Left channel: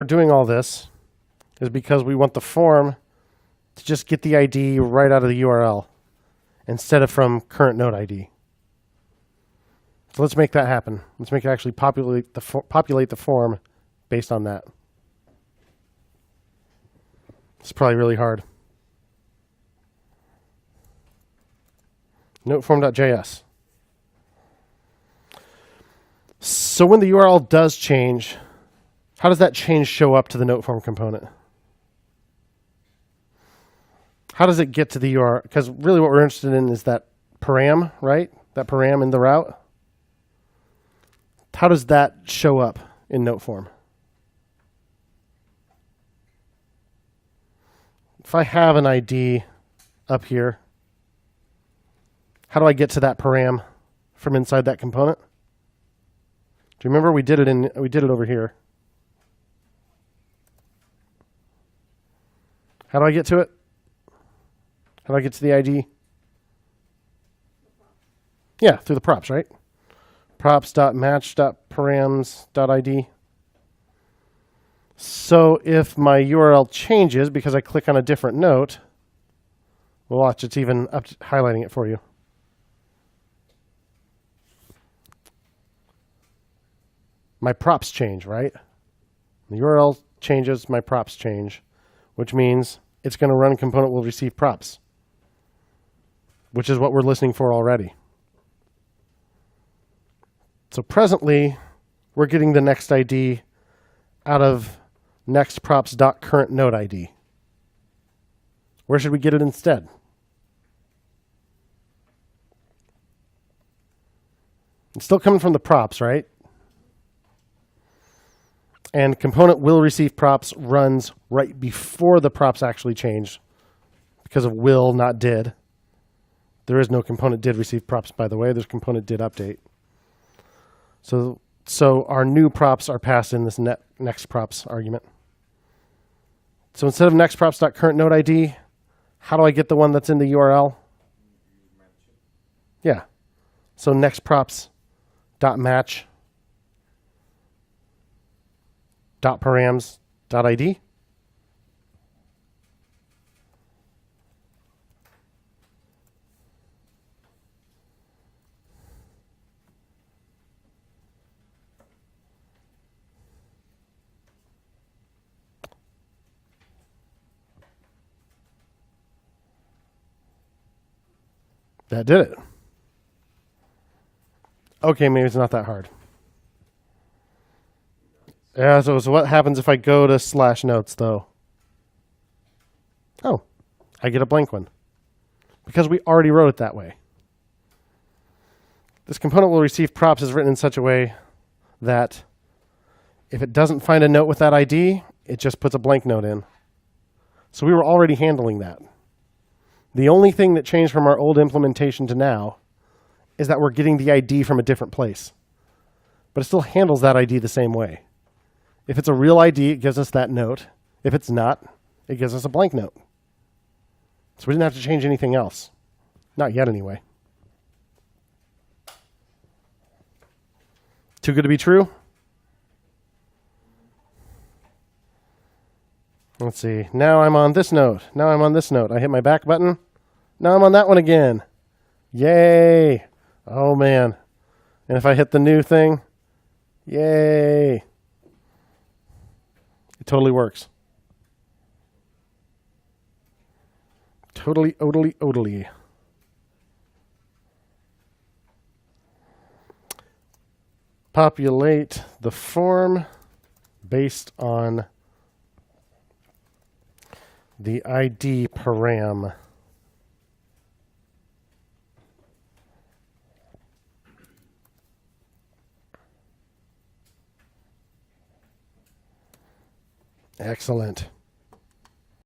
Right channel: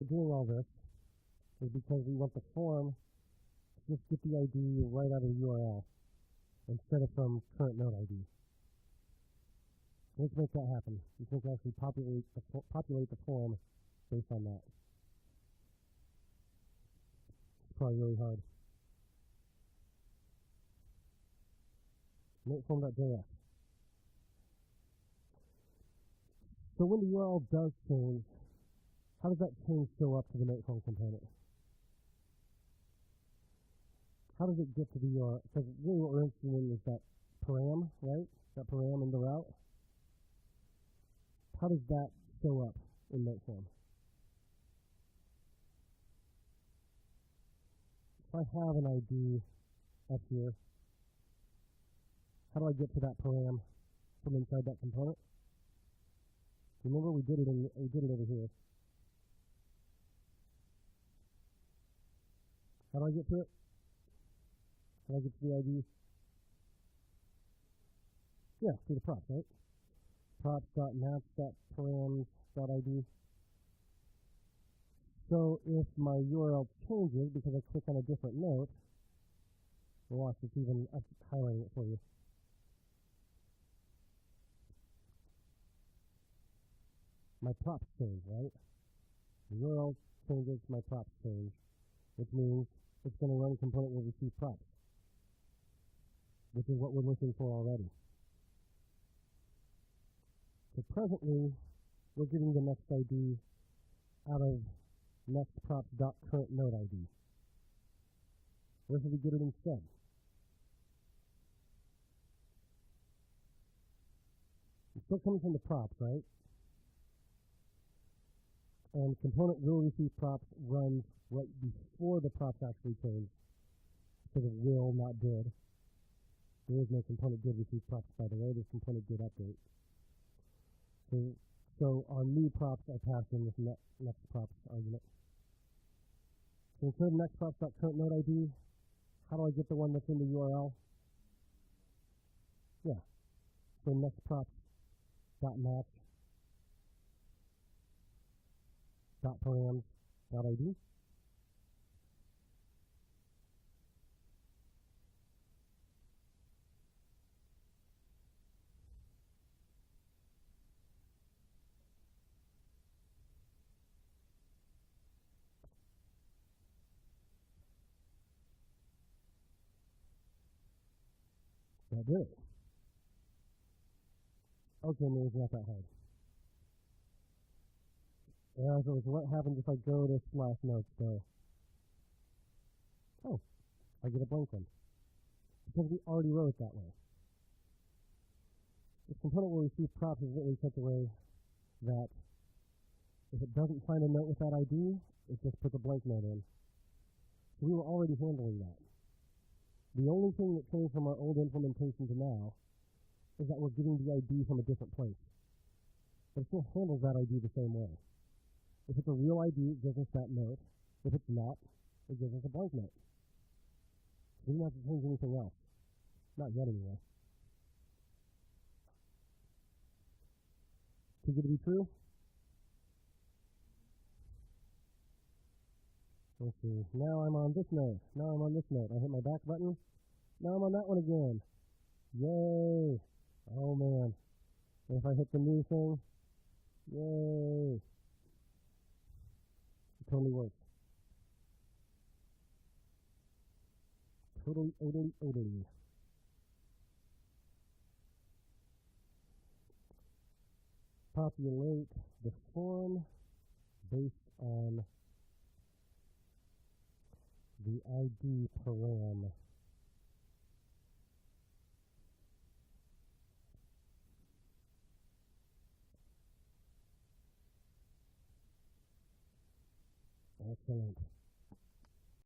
we're doing all this is because we want the form to just get the ID right out of the URL instead of from current node ID. So let's make that happen. Let's make it actually populate the form based on that. It's probably really hard. Noteform.js. So when the URL does change, how does that change show up to the noteform component? How does it get to the URL? Because really what we're interested in is that param, right? That param in the route. How does that show up in noteform? If I have an ID up here, how do I get to that param from inside that component? Do you remember we did it over here? How do I get to it? How do I get to the ID? Yeah, through the props, right? props.match.params.id. So if my URL changes because I click on a different note, well, watch, it's even highlighting it for you. My props change, right? The URL changes, my props change, which means it's going to run component will receive props, which is what we're listening for already. So presently, we're getting the next ID out of next props.current node ID. Where should we get it instead? It's still coming from the props, right? And component will receive props runs right before the props actually change because of will, not did. There is no component did receive props, by the way. There's component did update. So our new props are passed in this next props argument. So instead of next props.current node ID, how do I get the one that's in the URL? Yeah. So next props.match .params.id. That did it. Okay, maybe it's not that hard. Yeah, so what happens if I go to /notes, though? Oh, I get a blank one. Because we already wrote it that way. This component will receive props is written in such a way that if it doesn't find a note with that ID, it just puts a blank note in. So we were already handling that. The only thing that changed from our old implementation to now is that we're getting the ID from a different place. But it still handles that ID the same way. If it's a real ID, it gives us that note. If it's not, it gives us a blank note. So we didn't have to change anything else. Not yet, anyway. Too good to be true? Let's see. Now I'm on this note. Now I'm on this note. I hit my back button. Now I'm on that one again. Yay. Oh, man. And if I hit the new thing, yay. It totally works. Totally, odally. Populate the form based on the ID param. Excellent.